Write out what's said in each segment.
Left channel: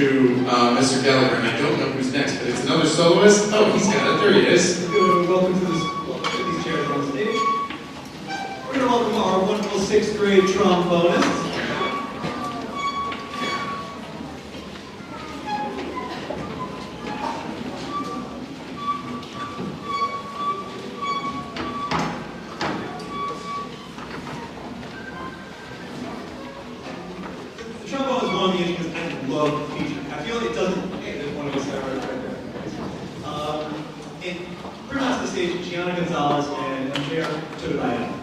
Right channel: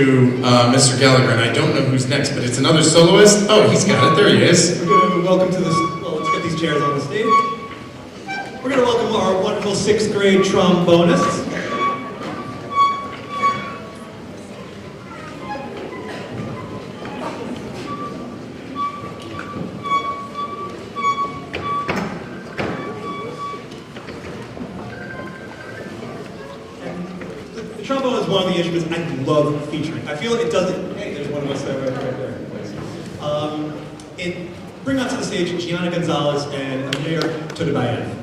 to Mr. Gallagher, and I don't know who's next, but it's another soloist. Oh, he's got it. There he is. We're going to welcome to this, well, get these chairs on the stage. We're going to welcome our wonderful 6th grade trombonists. The trombone is one of the instruments I love featuring. I feel like it doesn't. Hey, there's one of us right there. Nice. Bring out to the stage Gianna Gonzalez and Amir Tudabayev.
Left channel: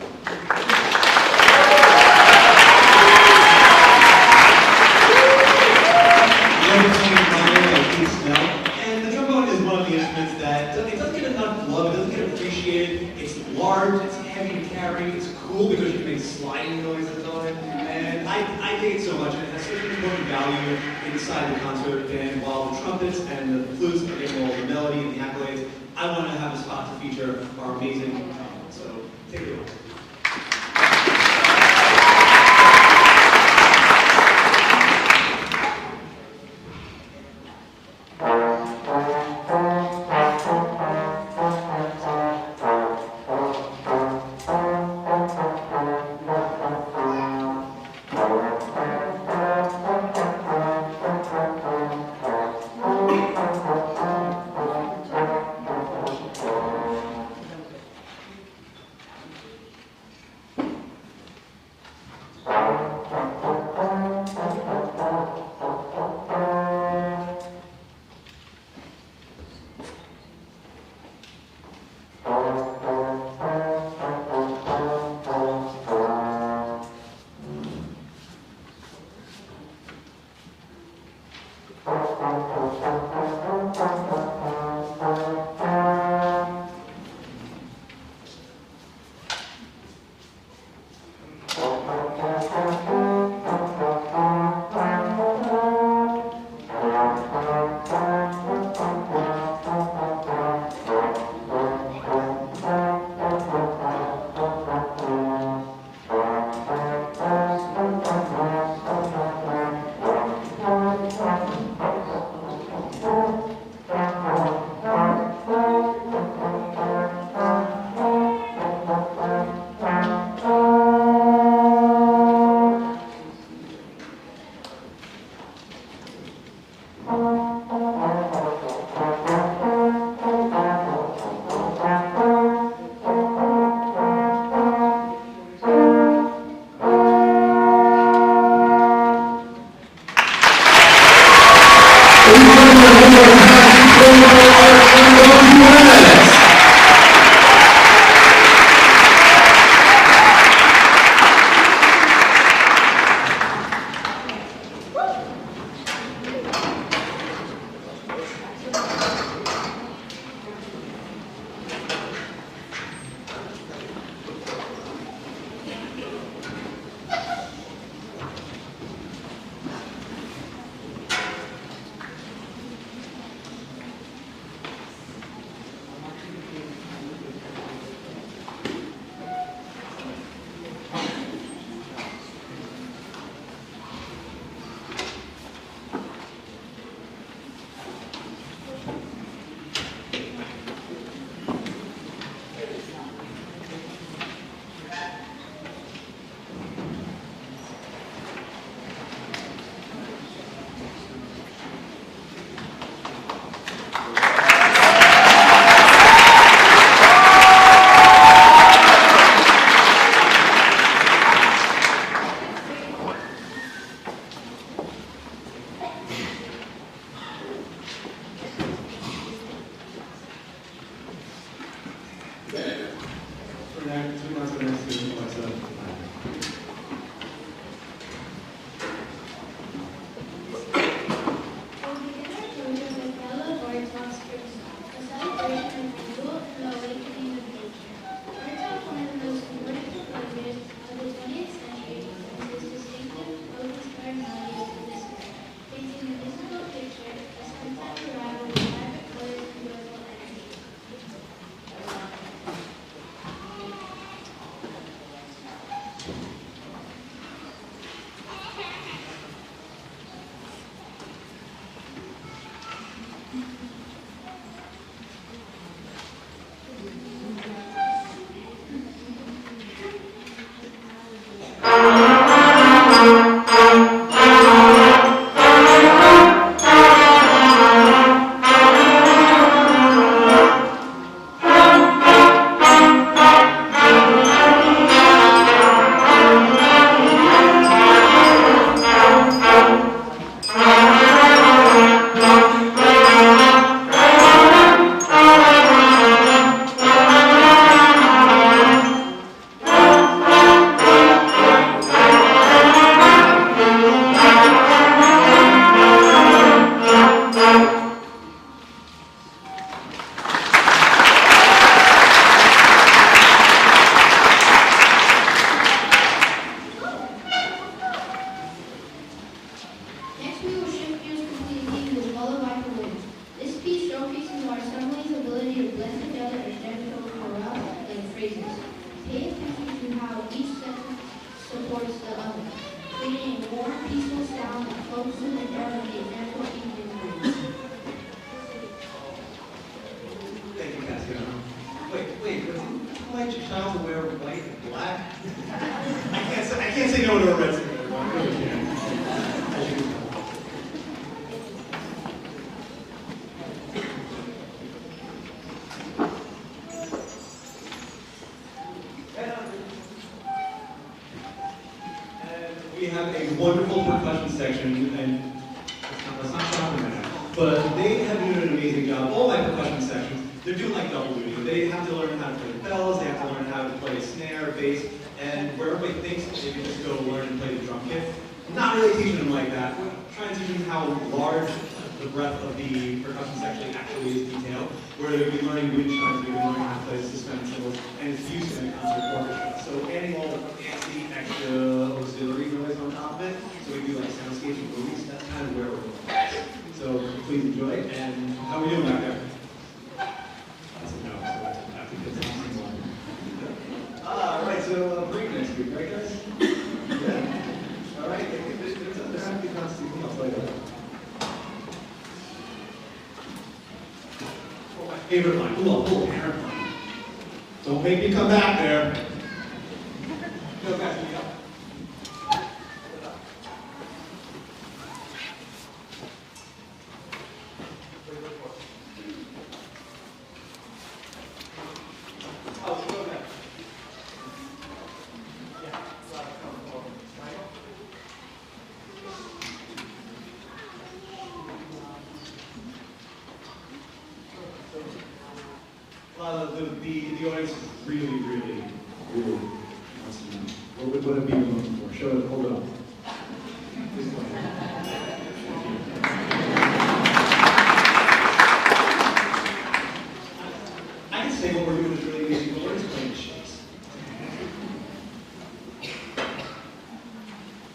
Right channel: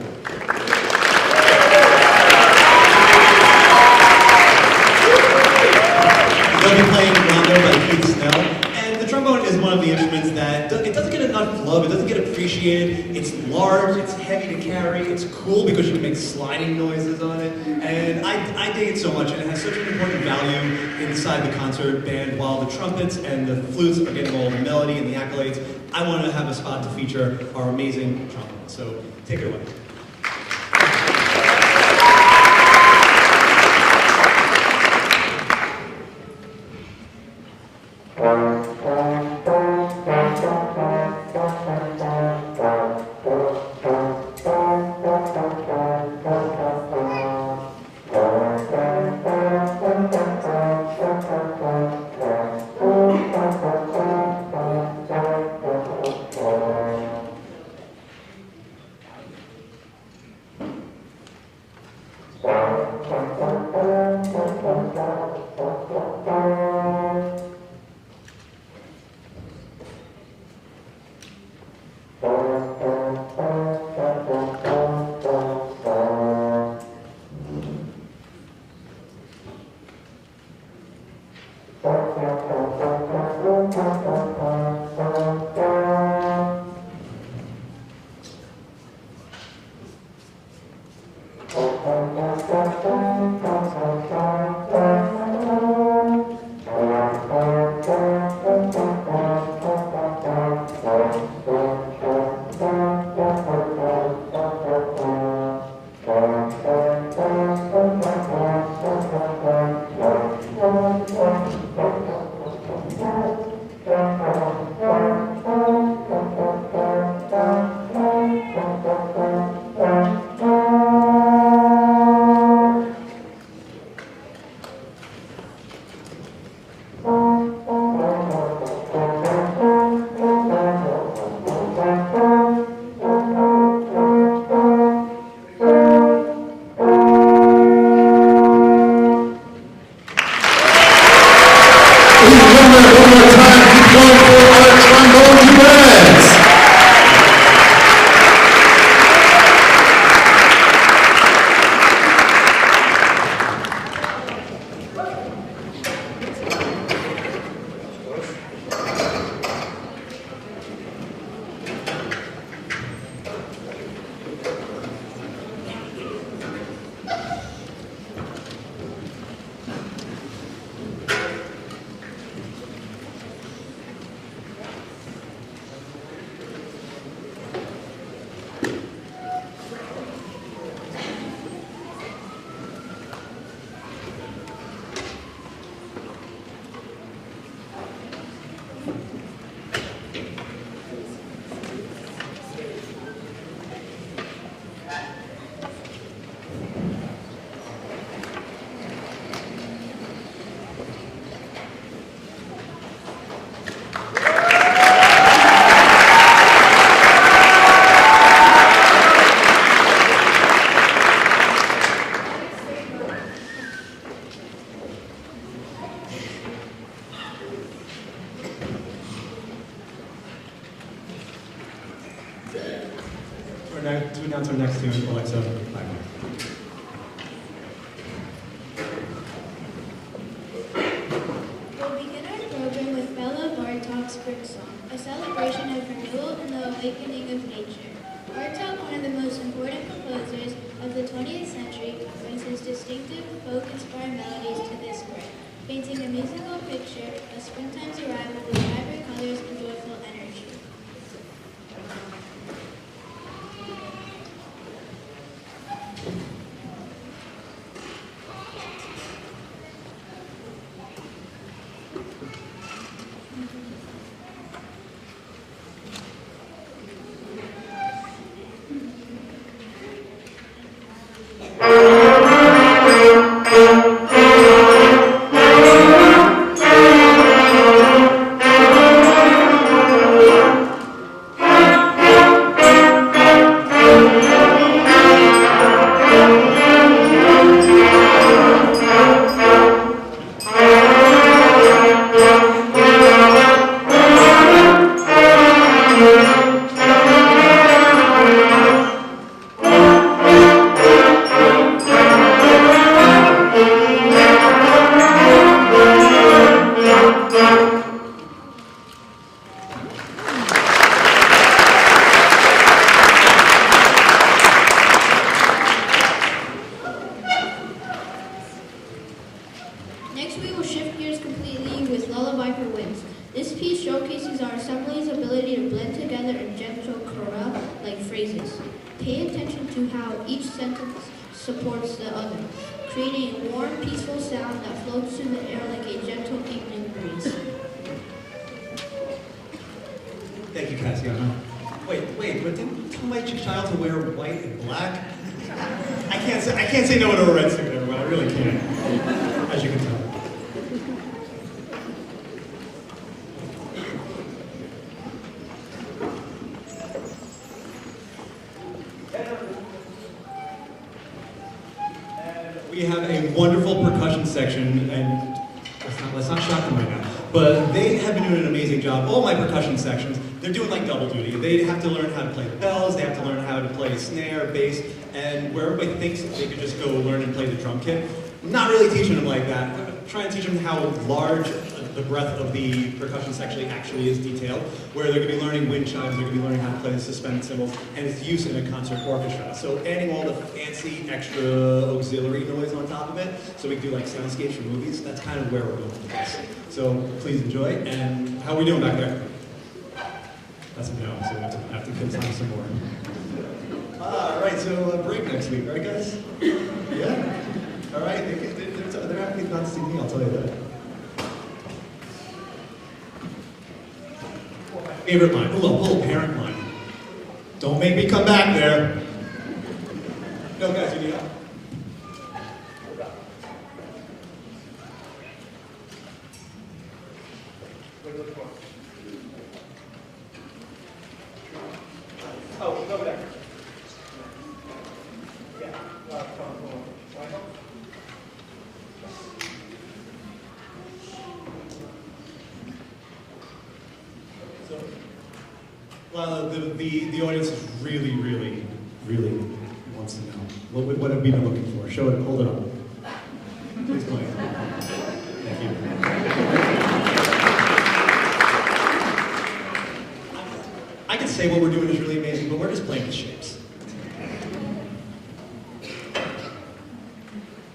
They'll be playing Rondo by Keith Snell. And the trombone is one of the instruments that it doesn't get enough love, it doesn't get appreciated. It's large, it's heavy to carry, it's cool because you can make sliding noises on it. And I dig it so much, and it has such an important value inside the concert band. While the trumpets and the flutes are getting all the melody and the accolades, I want to have a spot to feature our amazing trombone. So take it away. Two down to the next two, Alexa. sexy, I know. Wait, but didn't you like your child to wear white and black? I can't say no to a red suit, everyone. I really can't. As you can tell. We have a wonderful percussion section, and let's not shock them right now, but they have been doing an amazing job. All my percussion sections, they're doing like double duty. They have to learn how to play the bells, they have to learn how to play snare, bass, and where everybody thinks that they could just go learn and play the drum kit, not really teaching them like that. I'm trying to teach them how large the breadth of the percussion section actually is detailed, where they're going to be learning wind chimes, they're going to be learning how to play suspenseful, and its use in a concert orchestra. So adding all the fancy extra auxiliary noise on top of it, so we do like soundscapes from movies, that's kind of where we're going with this. So please enjoy, and how are we doing back there? That's a no, so we have to get some more. Alright, so break next week, right guys? Yeah? Alright, they're happy not to see me, I'll tell you that. Favorite line, a little parent line. Don't make me come back there. No, guys, you need help. Oh, go back. Yeah. Well, the audience is really wants to know. What are people looking for? Show it, hold it up. Please go ahead. Thank you. I can say what we're doing is really amazing, but we're just playing the ships.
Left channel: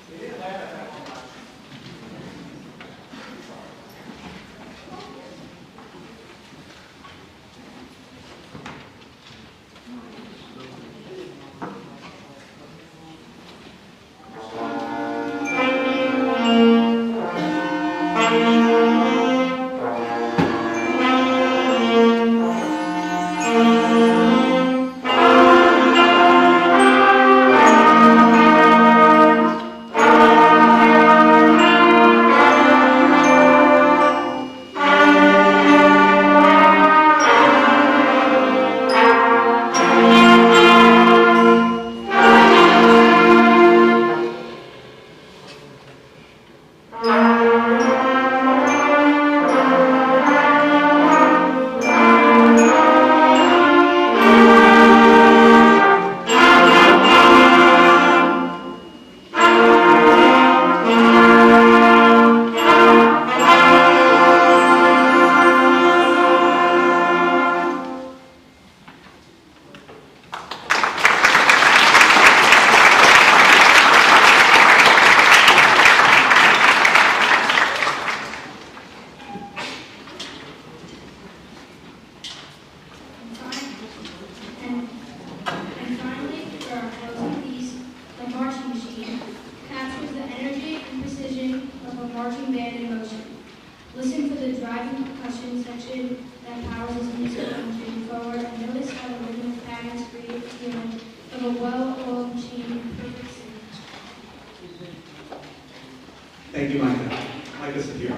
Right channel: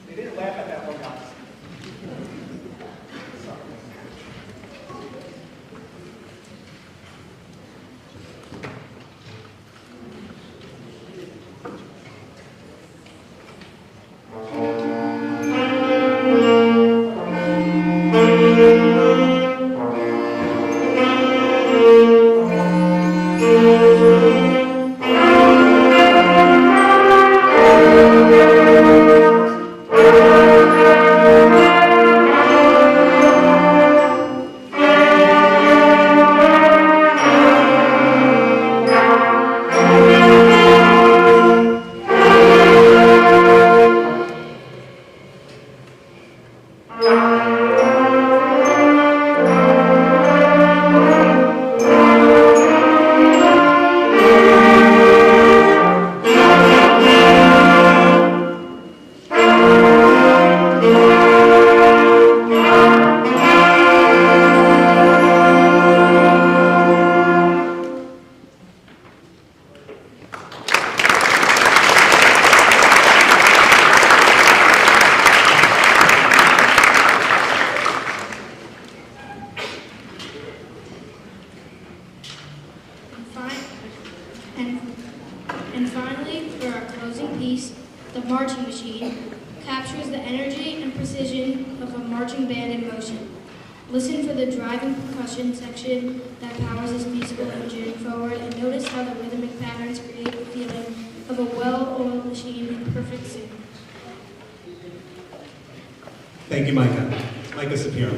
They didn't laugh at that one last. And finally, for our closing piece, the marching machine captures the energy and precision of a marching band in motion. Listen for the driving percussion section that powers this piece of engine forward, and notice how the rhythmic patterns create a feeling of a well-oiled machine in perfect sync. Thank you, Micah. Micah's here.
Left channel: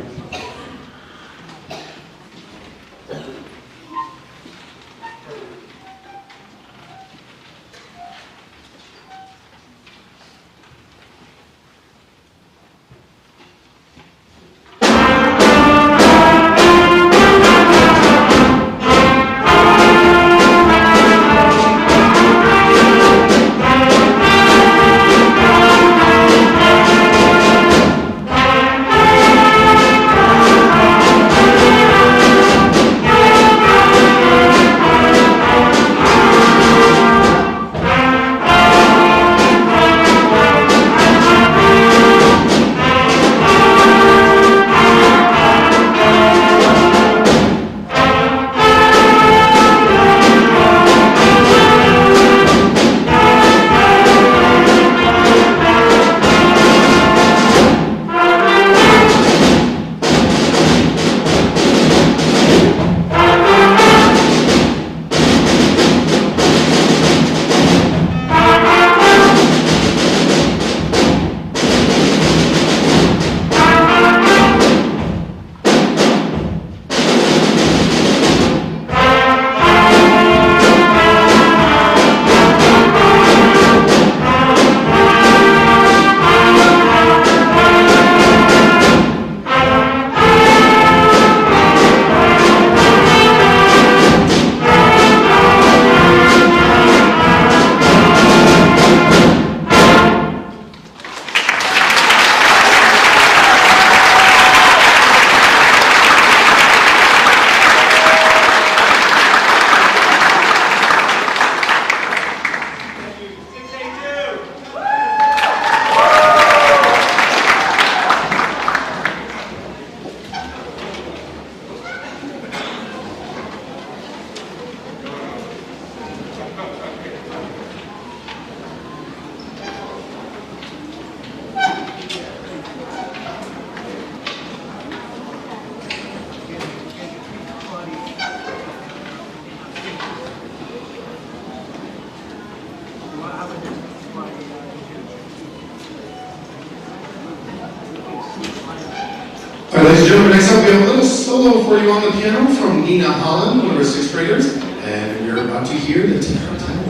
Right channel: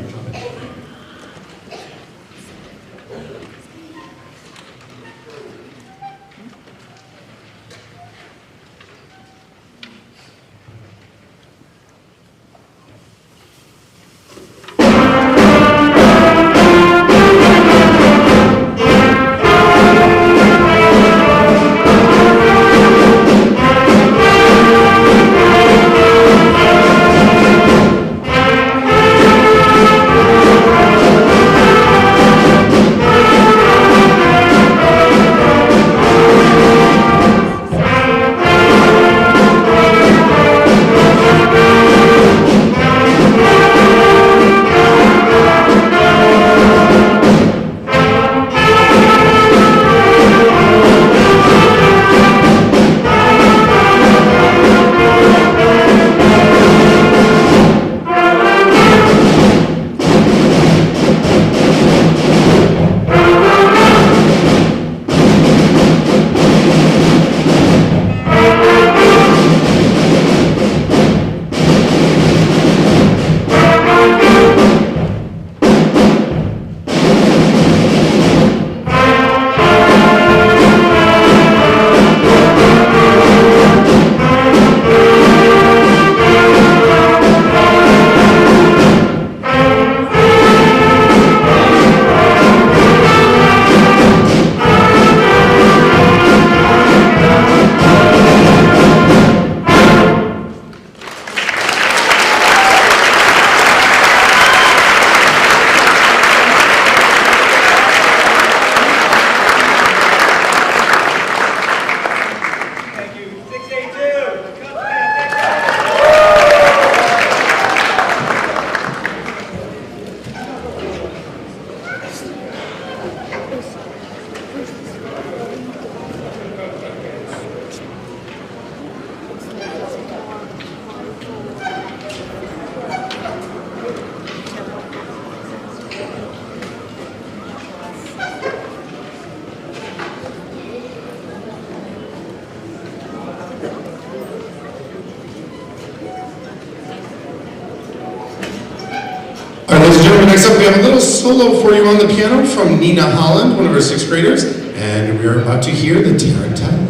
solo for you on the piano from Nina Holland, one of our sixth graders, and we're about to hear the Tarantine.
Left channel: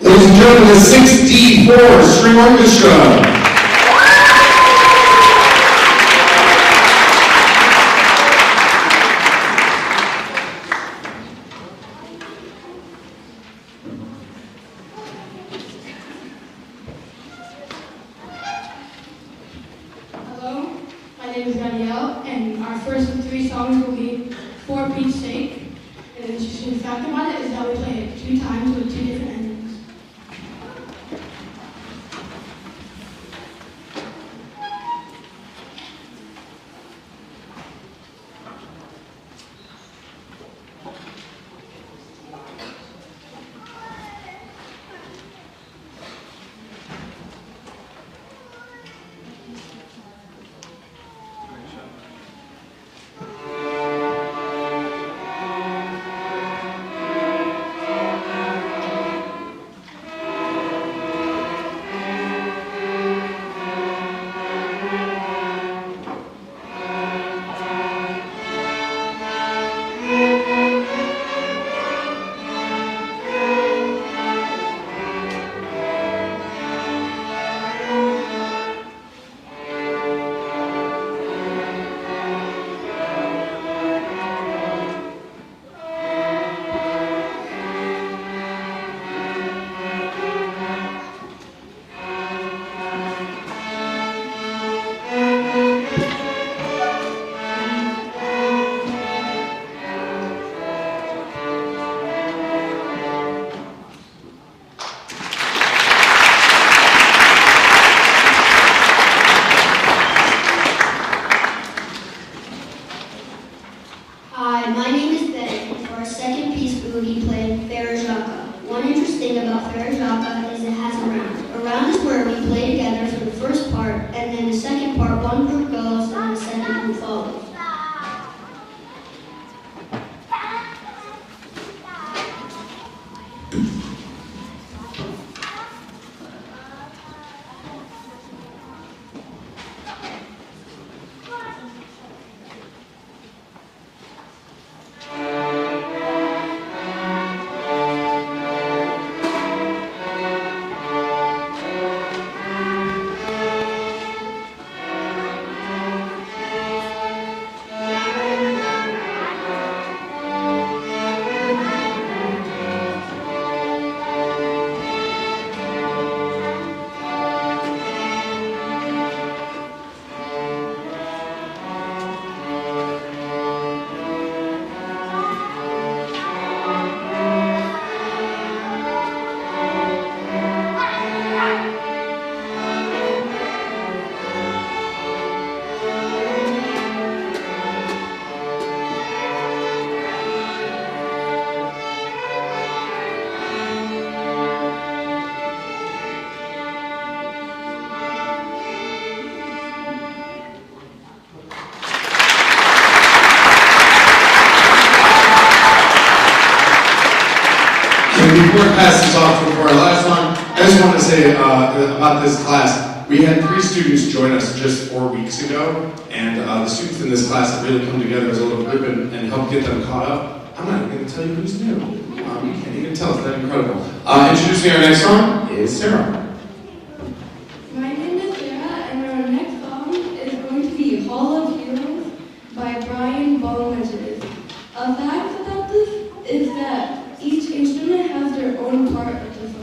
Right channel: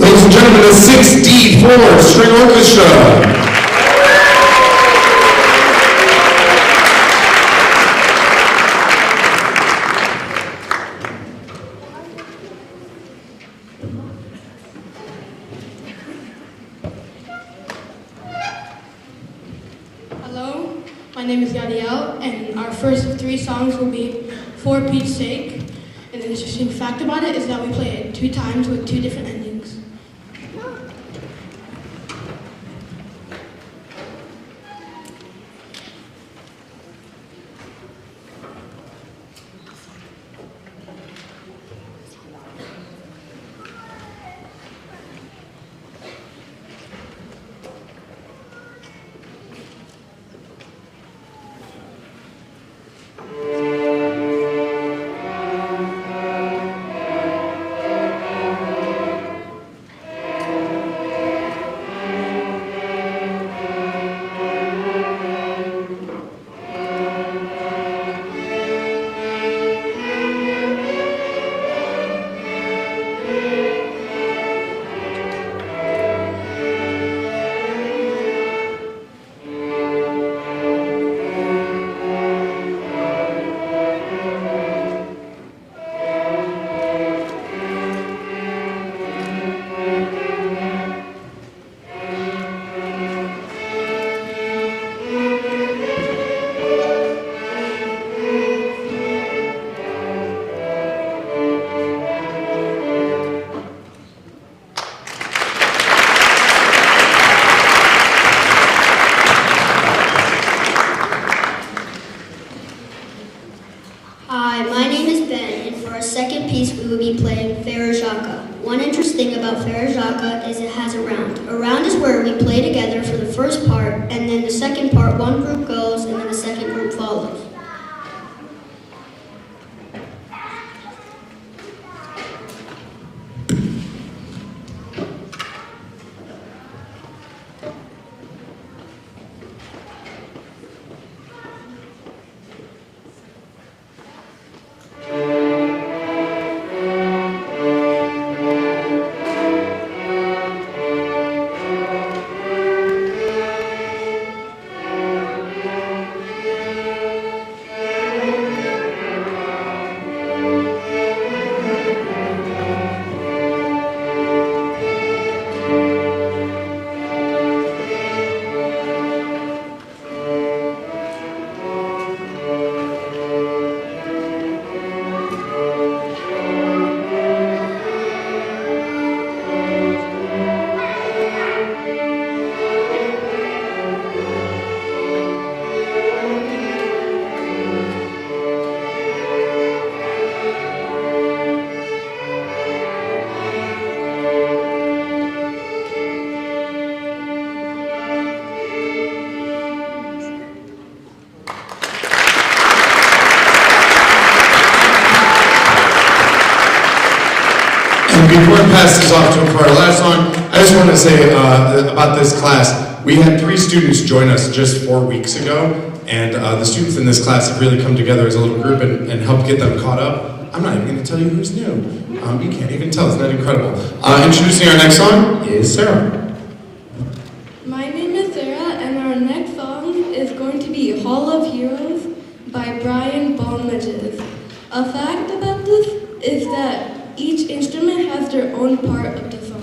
Ladies and gentlemen, the 6D4 String Orchestra. Hello, my name is Yadiel, and our first three songs will be For Pete's Sake. And an interesting fact about it is that we play it 2 times with 2 different endings. just want to say about this class, we had 3 students join us just 4 weeks ago, and the students in this class have really come together as a little group and helped get them caught up. I'm not even going to tell you who's new. You can't even tell, isn't that incredible? Introducing our next song is Sarah. My name is Sarah, and our next song is going to be Hall of Heroes by Brian Balmages. A fact about this is that each instrument has their own part of the song.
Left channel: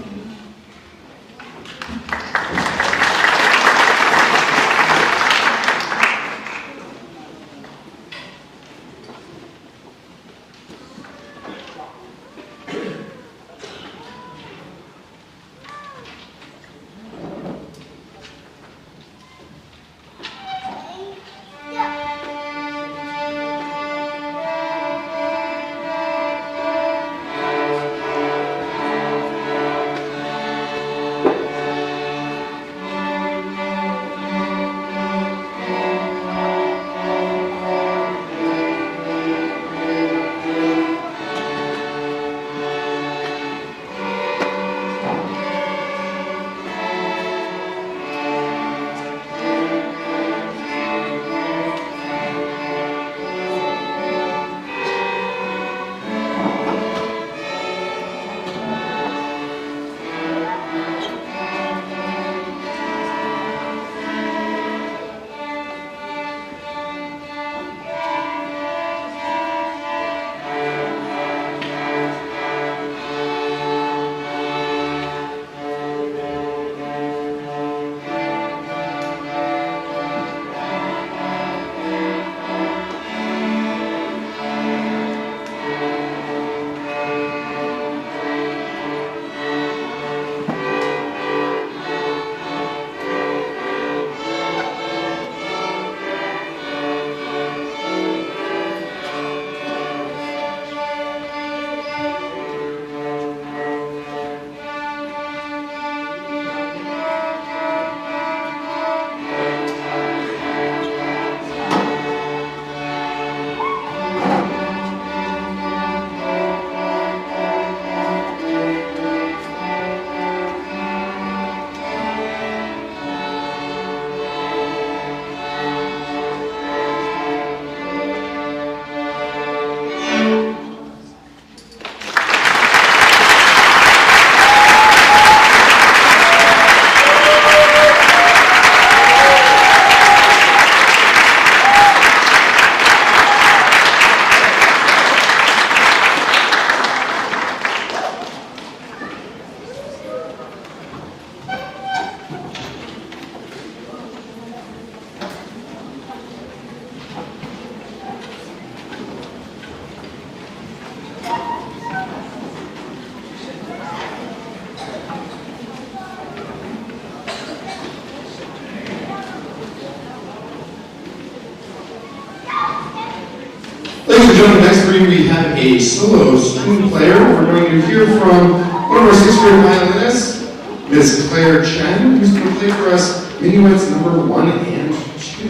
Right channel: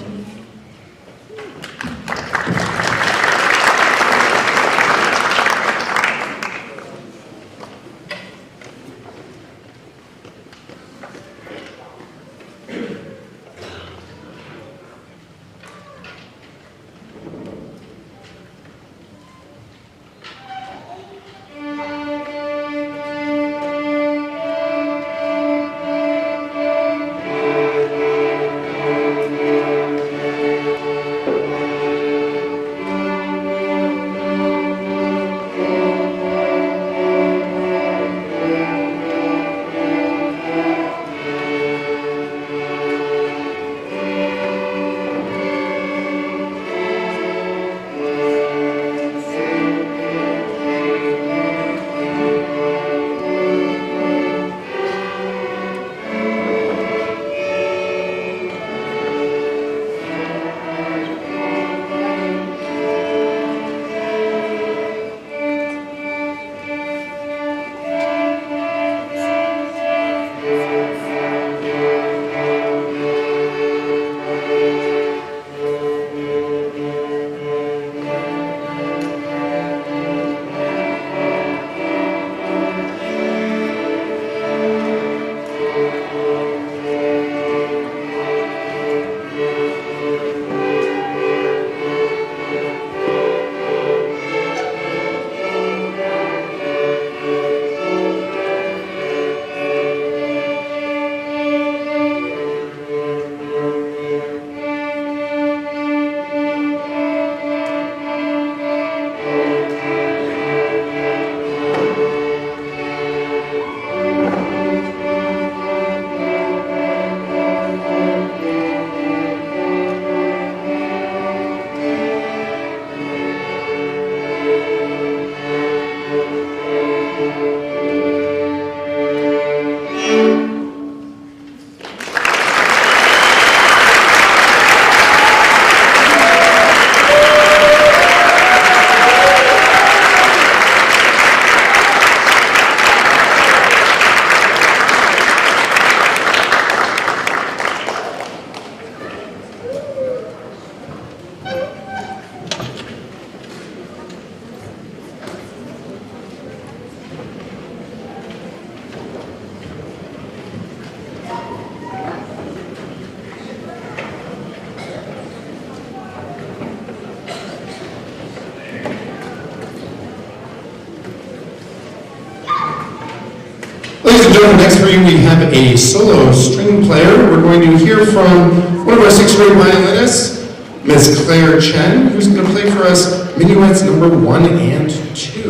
Ladies and gentlemen, next for you we have a solo string player. We're going to hear from one of our 6th grade violinists, Miss Claire Chen, who's going to play for us minuets number 1 and 2.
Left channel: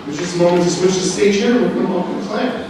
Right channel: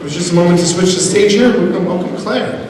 There's just a moment to switch the stage here. We're going to welcome Claire.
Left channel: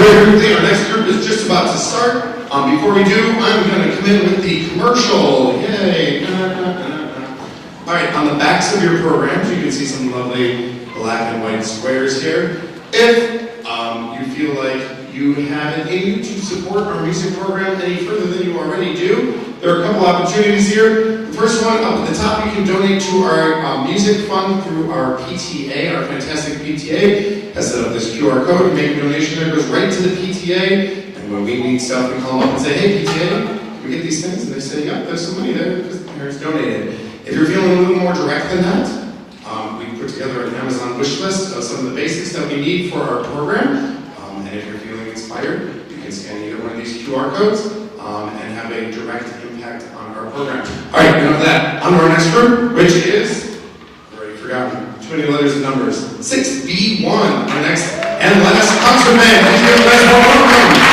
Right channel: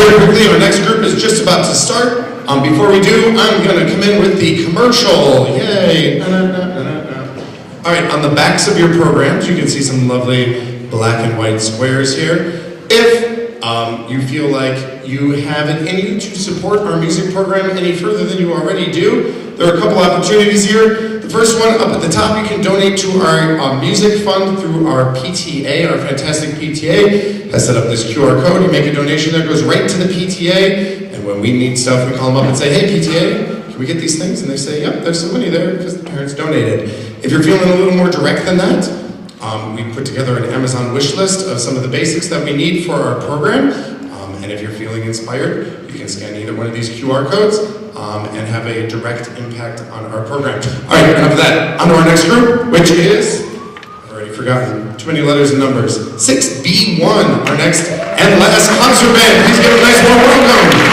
Very quickly, our next group is just about to start. Before we do, I'm going to come in with the commercial. Yay! All right, on the backs of your programs, you can see some lovely black and white squares here. If you feel like you have it in you to support our music program any further than you already do, there are a couple opportunities here. The first one, up at the top, you can donate to our music fund through our PTA, our fantastic PTA. Has set up this QR code. You make a donation that goes right to the PTA, and when we need stuff, we call them up and say, hey, PTA, can we get these things? And they say, yep, there's some money there because the parents donated. If you're feeling a little more direct than that, we put together an Amazon wish list of some of the basics that we need for our program. And if you're feeling inspired, you can scan either one of these QR codes and have a direct impact on our program. All right, enough of that. On to our next group, which is, I've already forgotten, too many letters and numbers. 6B1, our next and last concert band. Let's give a nice warm welcome.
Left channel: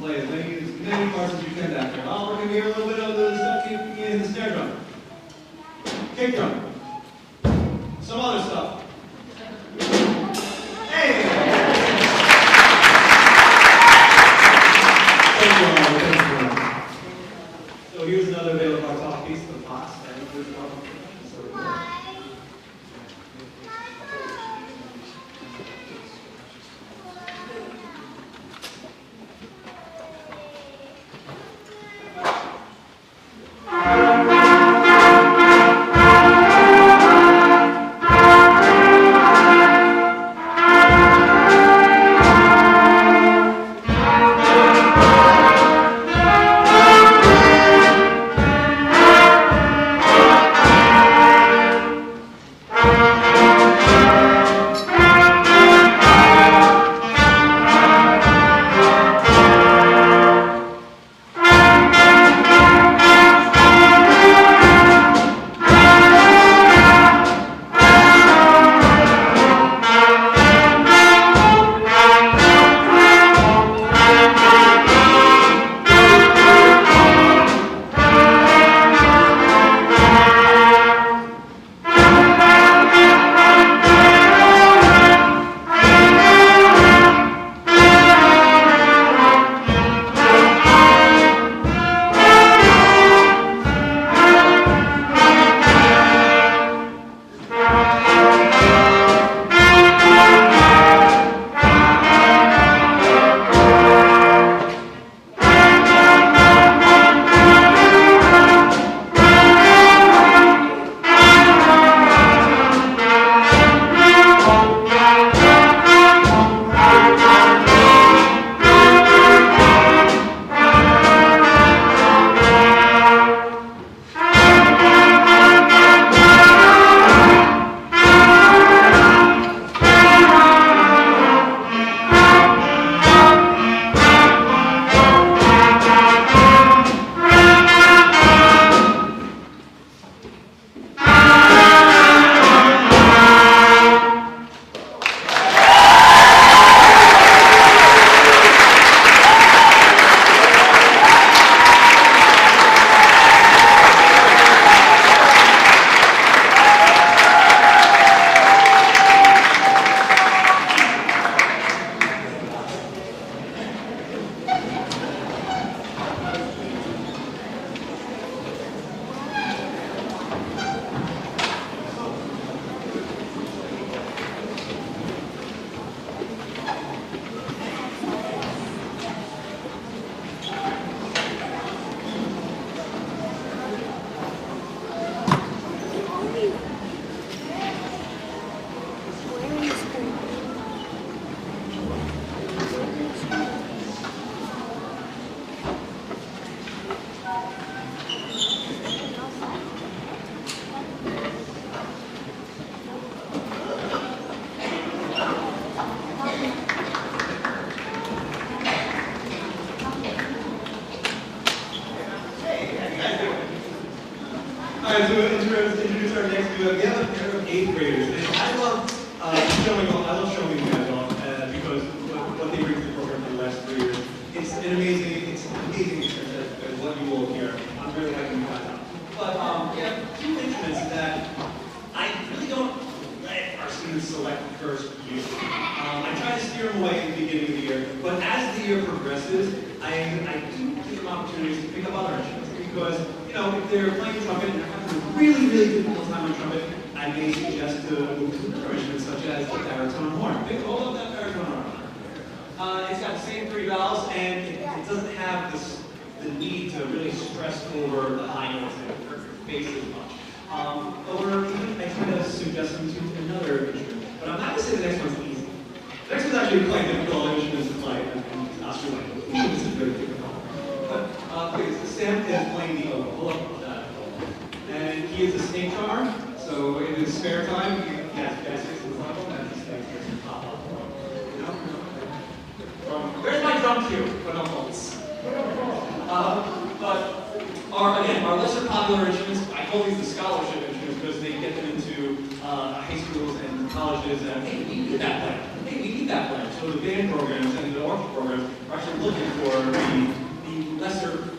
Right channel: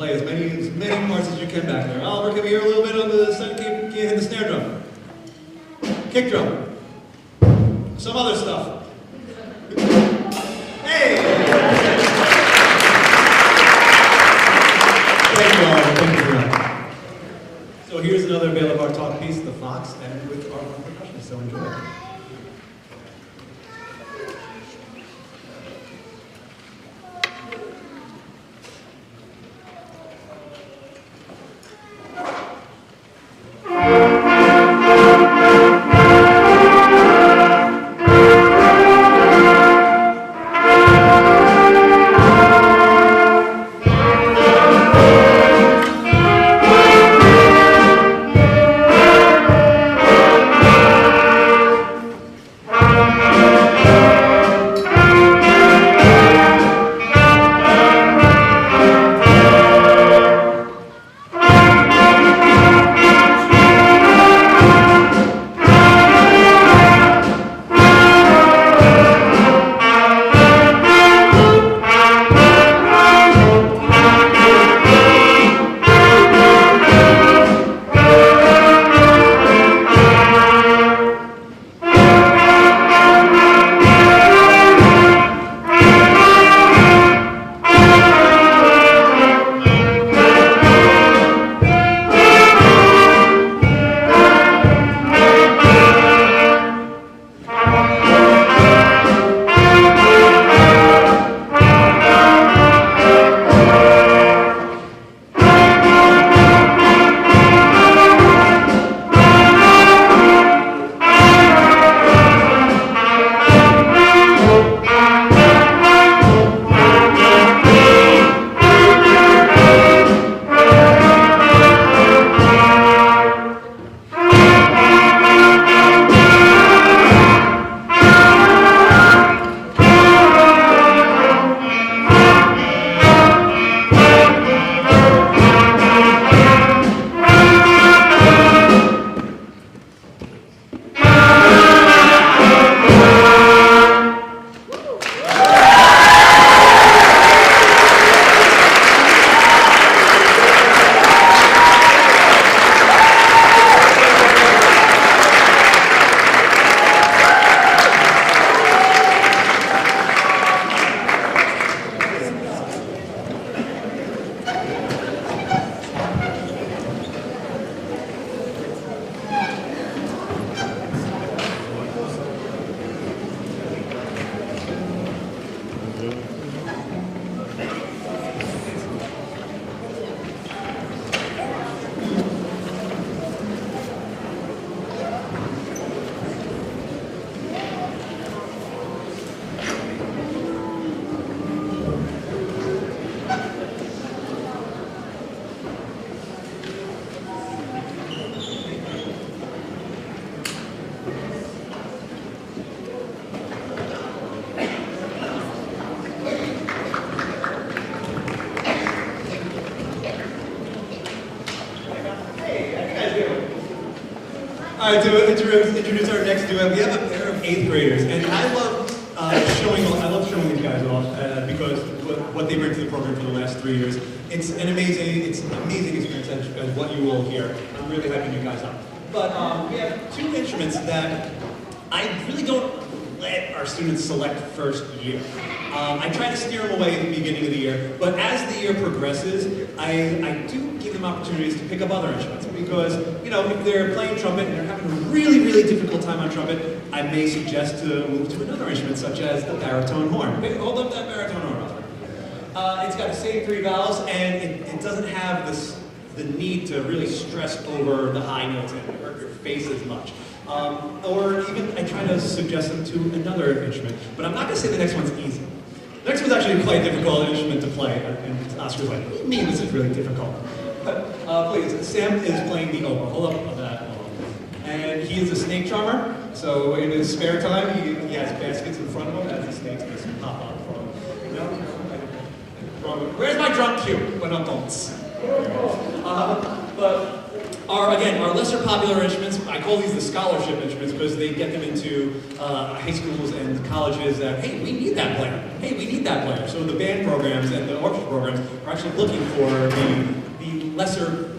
play as many parts as you can back there. Oliver, can we hear a little bit of the snare drum? Kick drum. Some other stuff. Hey! Thank you, Oliver. Thank you. So here's another Bela Bartok piece, The Fox, and with our percussion. So enjoy. All right, to introduce our next duo, we have a pair of 8th graders, and I love showing you guys off because what they bring to the program for the last 3 years. It's an amazing experience as what you will hear. I'm really hyping you guys up. But we have 2 instruments that I really don't let our students select first year. I try to steer them away at the beginning of the year, but as the year progresses, I do give them opportunities to pick up other instruments. Because, if they're playing trumpet and they're having a really, really difficult time on trumpet, I may suggest to move to another instrument, such as the baritone horn. Okay, hold up that baritone horn. It's got the same 3 valves, and it doesn't have the need to really stress over the high notes and hurt your face as much. Or even I try to suggest them to another instrument. But I'm not going to say the next one's easy. The next one's actually quite a difficult instrument to play, and Oscar's like, what do you mean this is really difficult? Please, Sam is playing the oboe. Hold up on that. And he is a snake charmer, so in his spare time, he has baskets in front of him as he snakes this pop up. Where's my drum cue? When I'm moments. But our lesser popular instruments, I call these the scholarship instruments because they get them into high schools and colleges that, hey, we need that player. Hey, we need that player. So the band program programs and the orchestra programs are actually looking for the lesser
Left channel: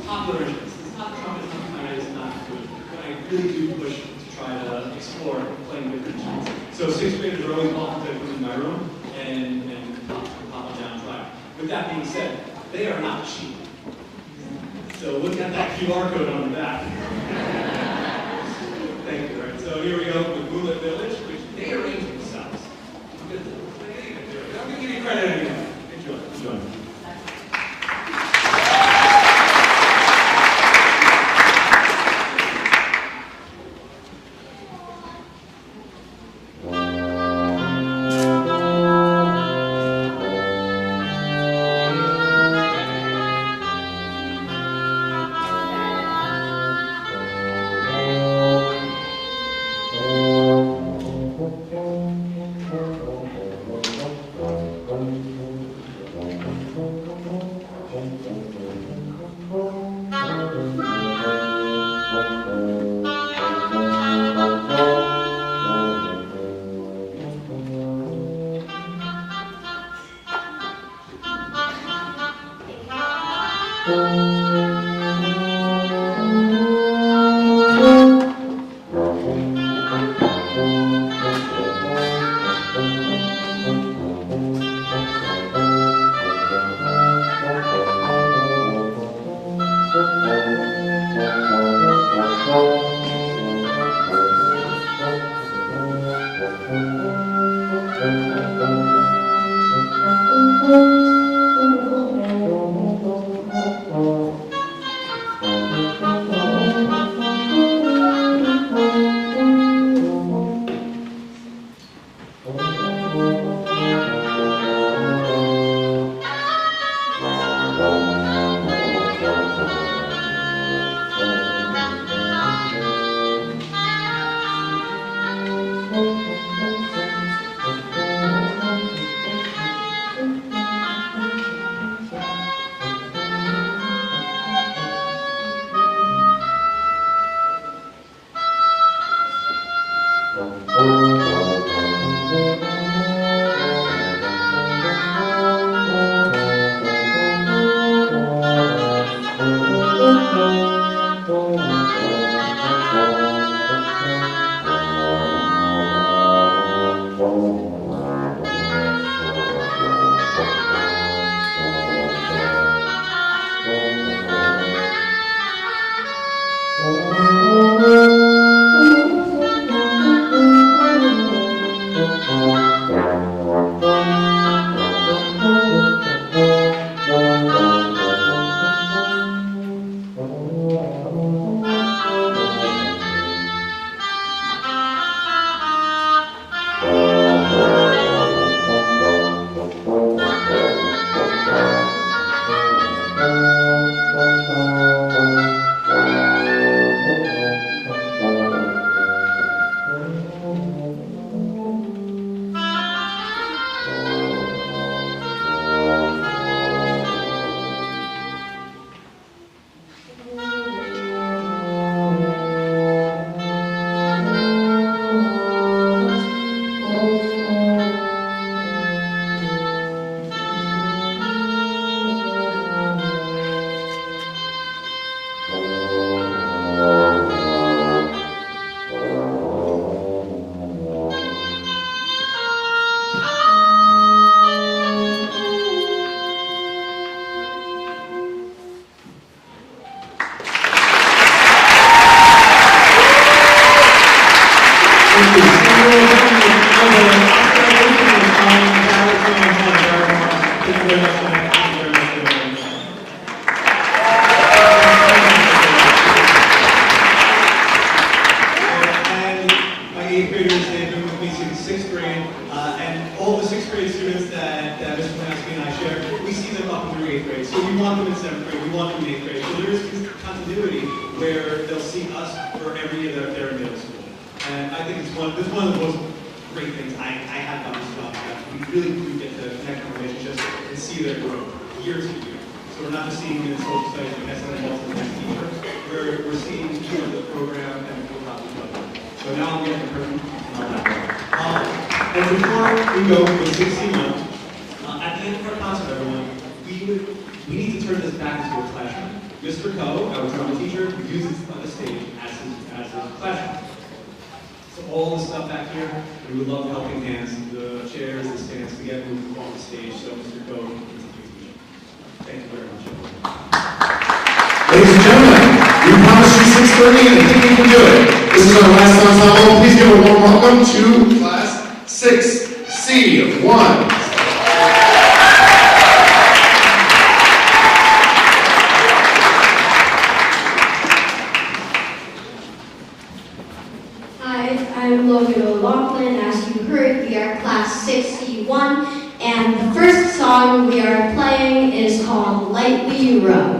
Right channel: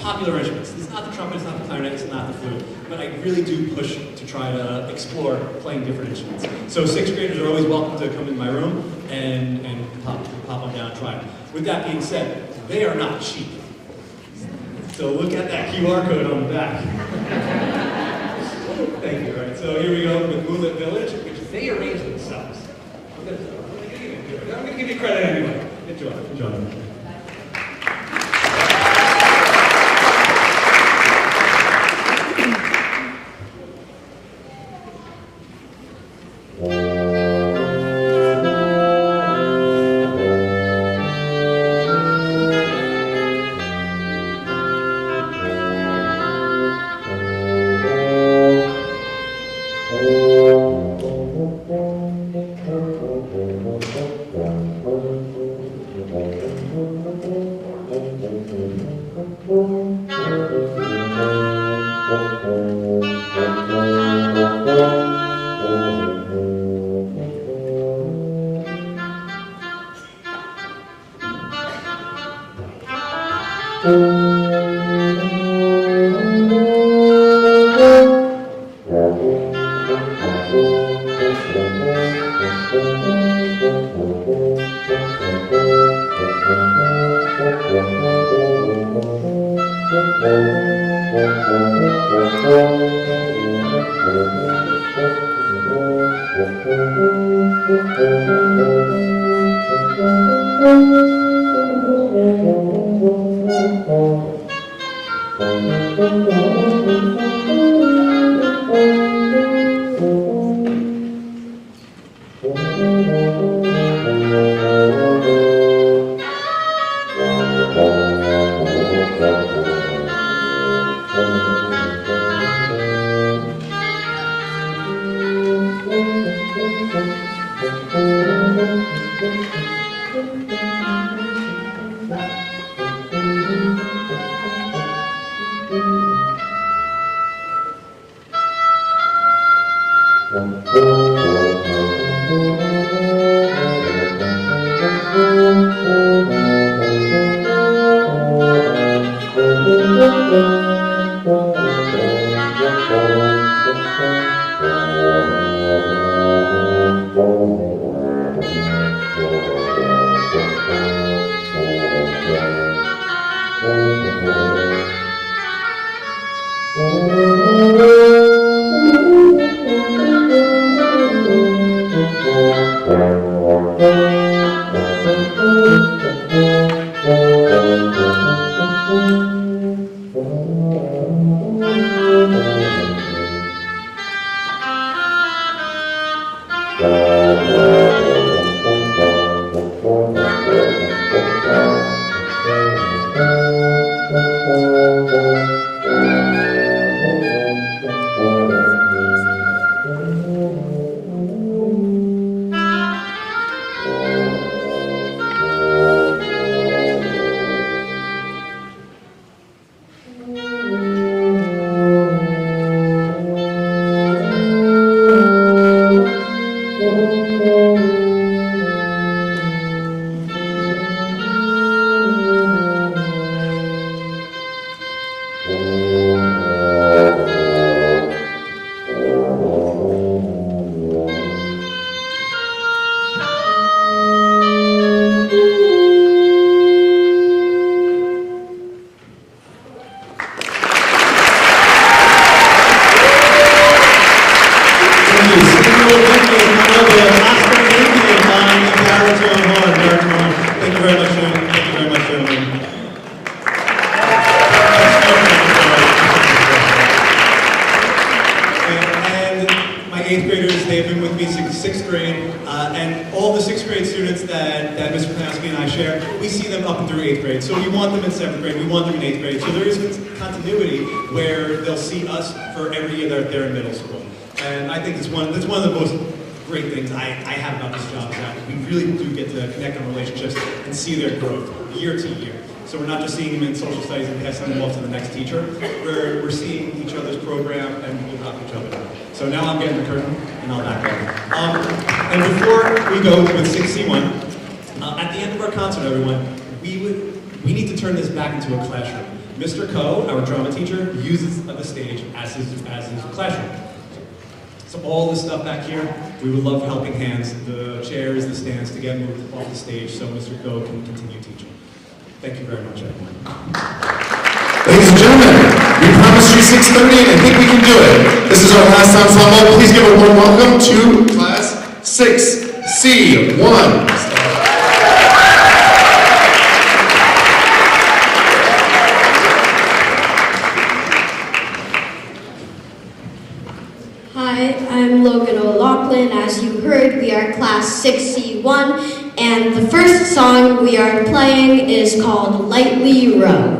popular instruments. It's not the trumpet, it's not the clarinet, it's not the flute, but I really do push to try to explore playing different instruments. So 6th graders are always welcome to come in my room and pop on down and try it. With that being said, they are not cheap. So look at that QR code on the back. Thank you. All right, so here we go with Moonlit Village, which they arranged themselves. I'm going to give you credit anyway. Good job. Good job. everyone. We need to turn this back into a classroom. Mr. Coe, our drama teacher, uses the stage as his classroom. So all this stuff back here, we would love helping hands, the chairs, the stands, to get moved off the stage so Mr. Coe can continue teaching. Thank you very much, everyone. Ladies and gentlemen, we promised you 6:30 and I think we can do it. This is our last ensemble. Please give a warm welcome to class 6C1. Hi, I'm Logan O'Loughlin. As you heard, we are class 6C1, and the first song we are playing is called Lightly Row.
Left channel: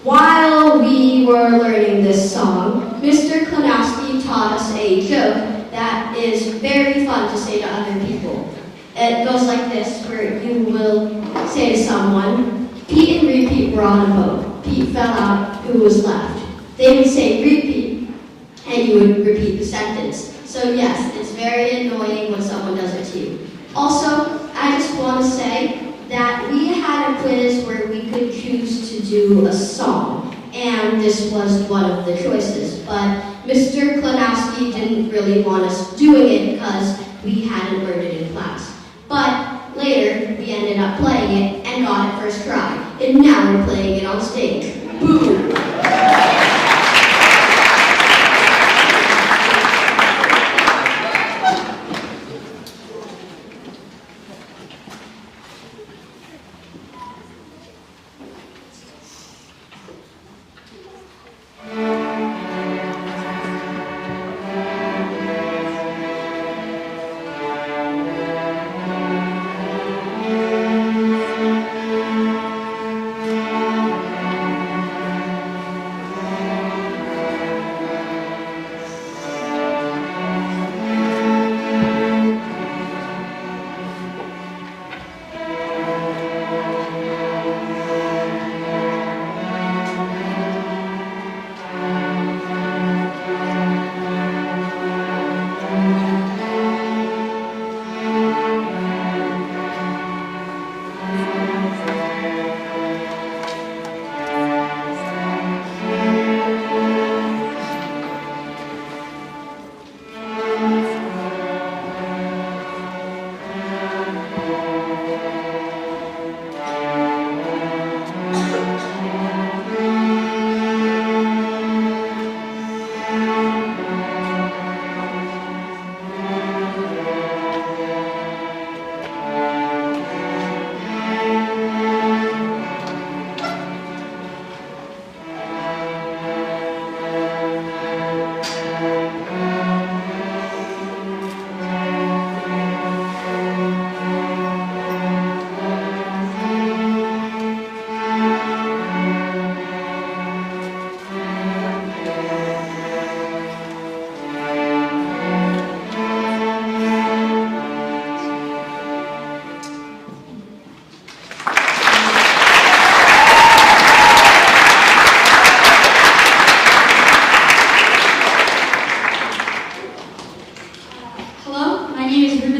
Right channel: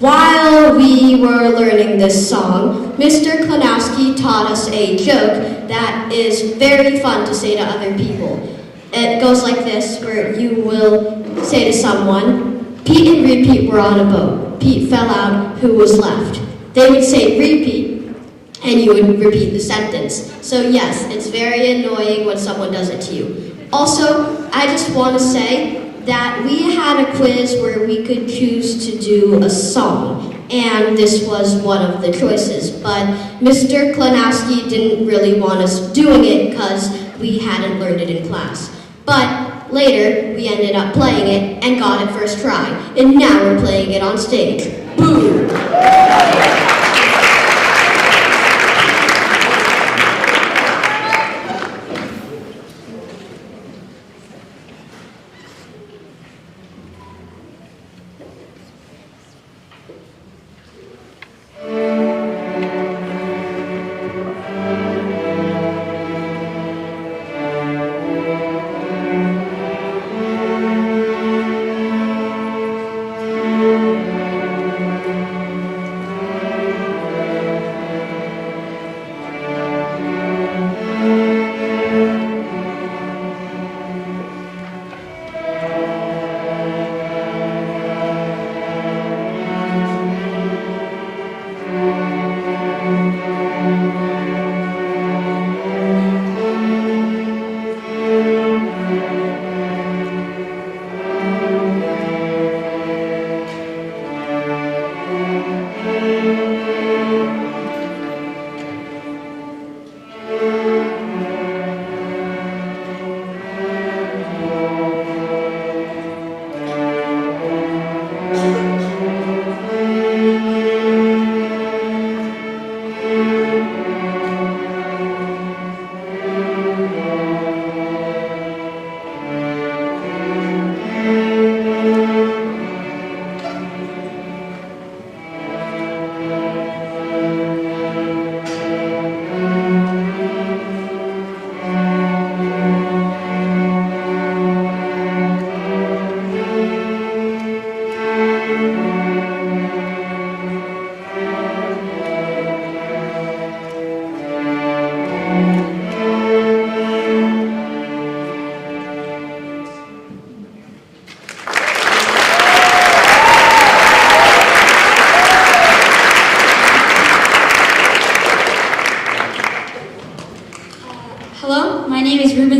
While we were learning this song, Mr. Klanowski taught us a joke that is very fun to say to other people. It goes like this, where you will say to someone, Pete and Repeat were on a boat. Pete fell out, who was left? They would say, Repeat, and you would repeat the sentence. So yes, it's very annoying when someone does it to you. Also, I just want to say that we had a quiz where we could choose to do a song, and this was one of the choices, but Mr. Klanowski didn't really want us doing it because we hadn't learned it in class. But later, we ended up playing it and got it first try, and now we're playing it on stage. Boo!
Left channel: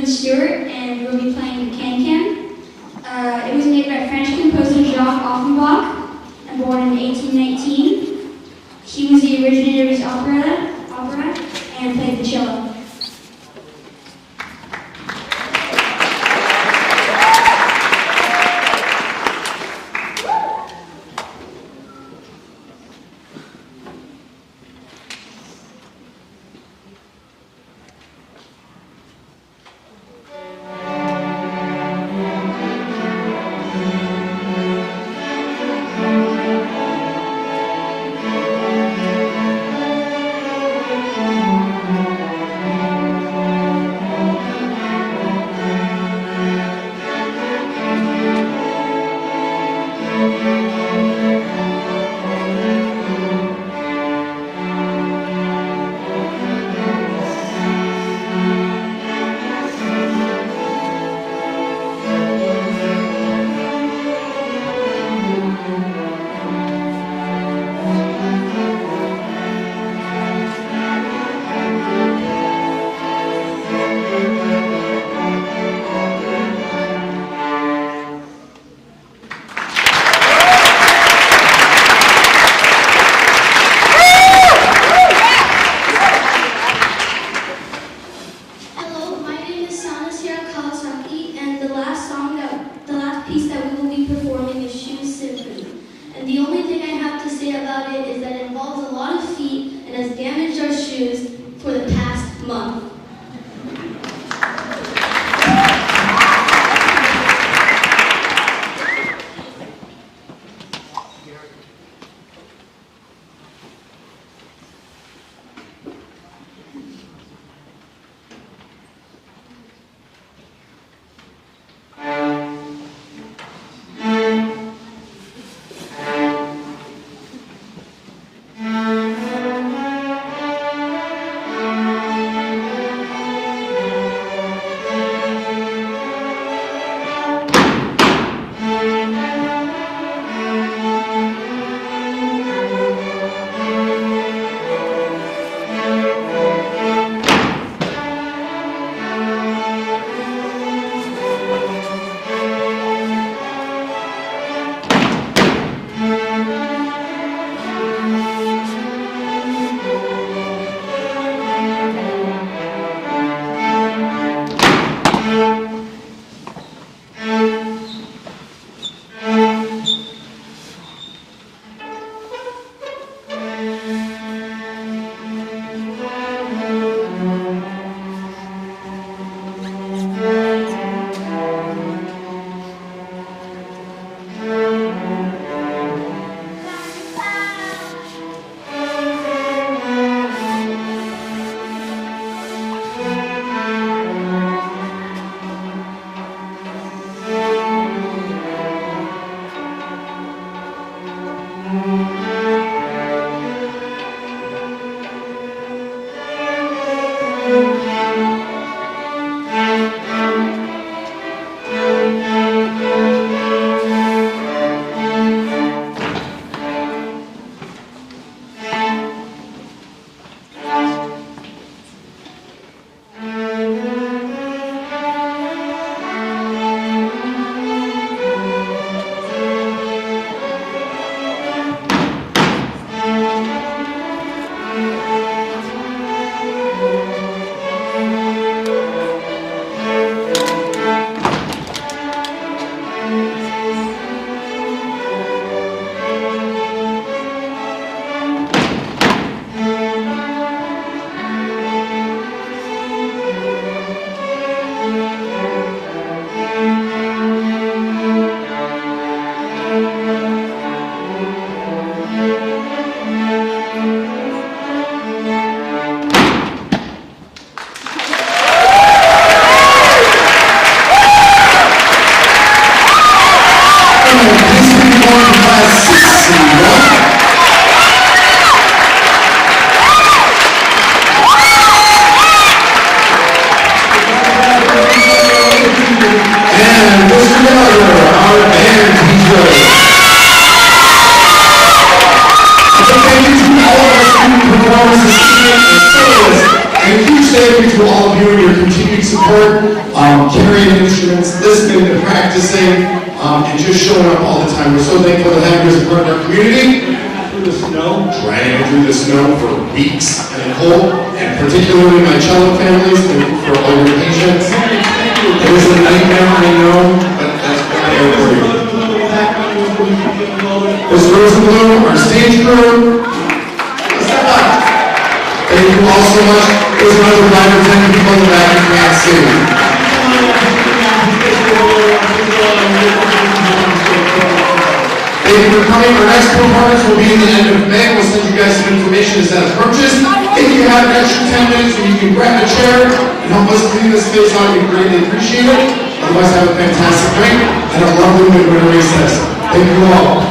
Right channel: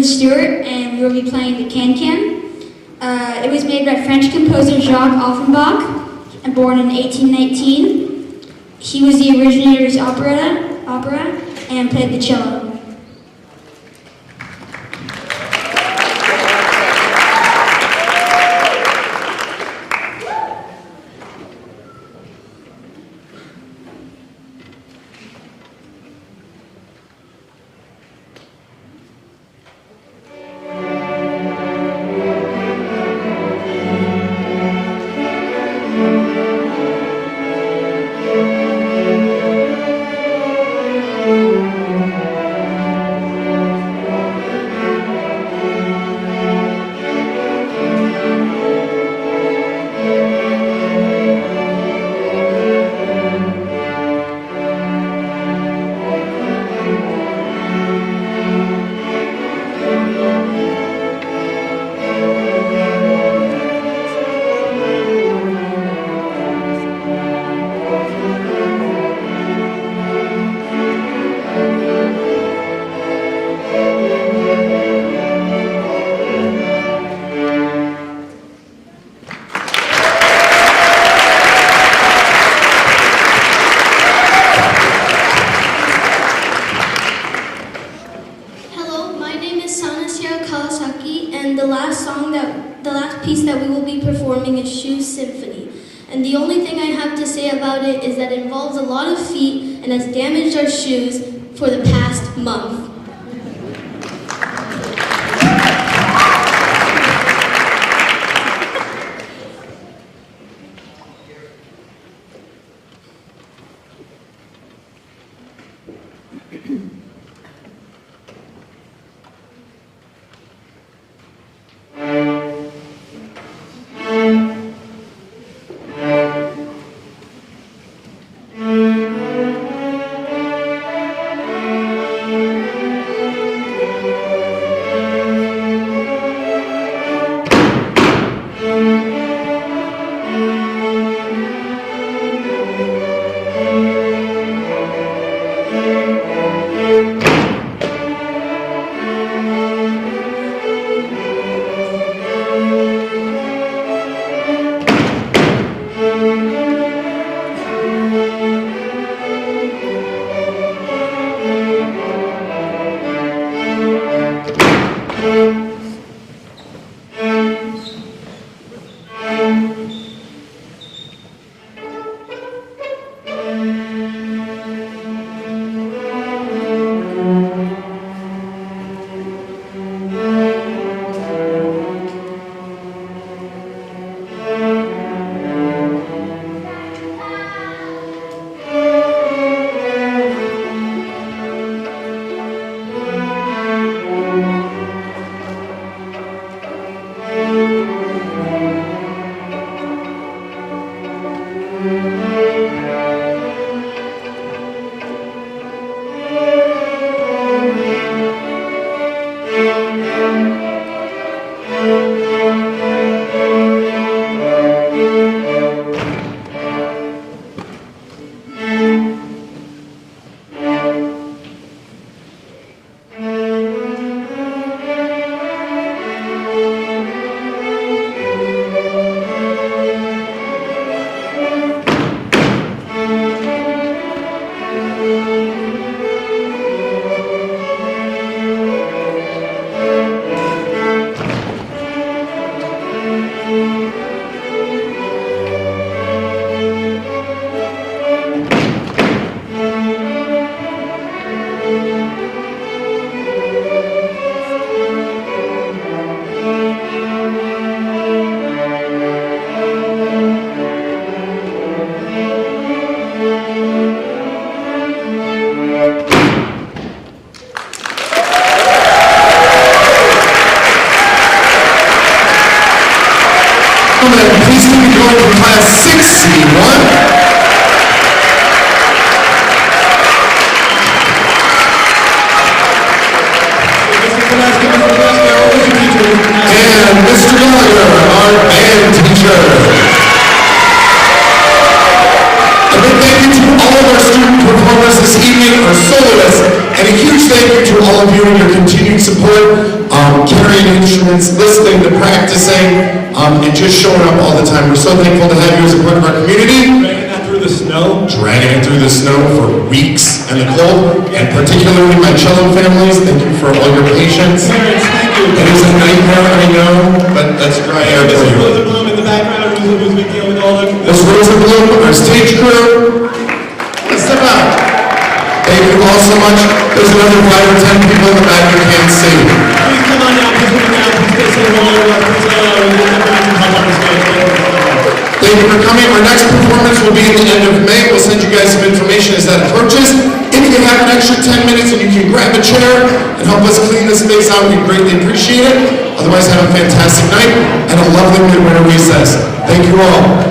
Stewart, and we'll be playing the Can-Can. It was made by French composer Jacques Offenbach, and born in 1819. He was the originator of opera and played the cello. Kawasaki, and the last piece that we will be performing is Shoe Symphony. And the only thing I have to say about it is that it involves a lot of feet and has damaged our shoes for the past month. carrying instruments, listening to practicing, and just showing up all the time. We're so thankful to have you as a part of our community. Dragging it through the snow for weeks and the cold, and particularly my cello families, thank you for all your patience. It is a nightmare, I know, but that's why I am with you. Those Rose and Bloom, our stage crew, step up. Thank you all so much. There's another 5 or 10 people in the back you can't see. Thank you for coming. Our next performance will be at the end of May. We'll send you guys some information as that approaches. If you have an extra 10 minutes and you can grab a chair and help us clean this place out, we greatly appreciate it. Otherwise, have a fantastic night, and I love them when we're in recess. Thank you all.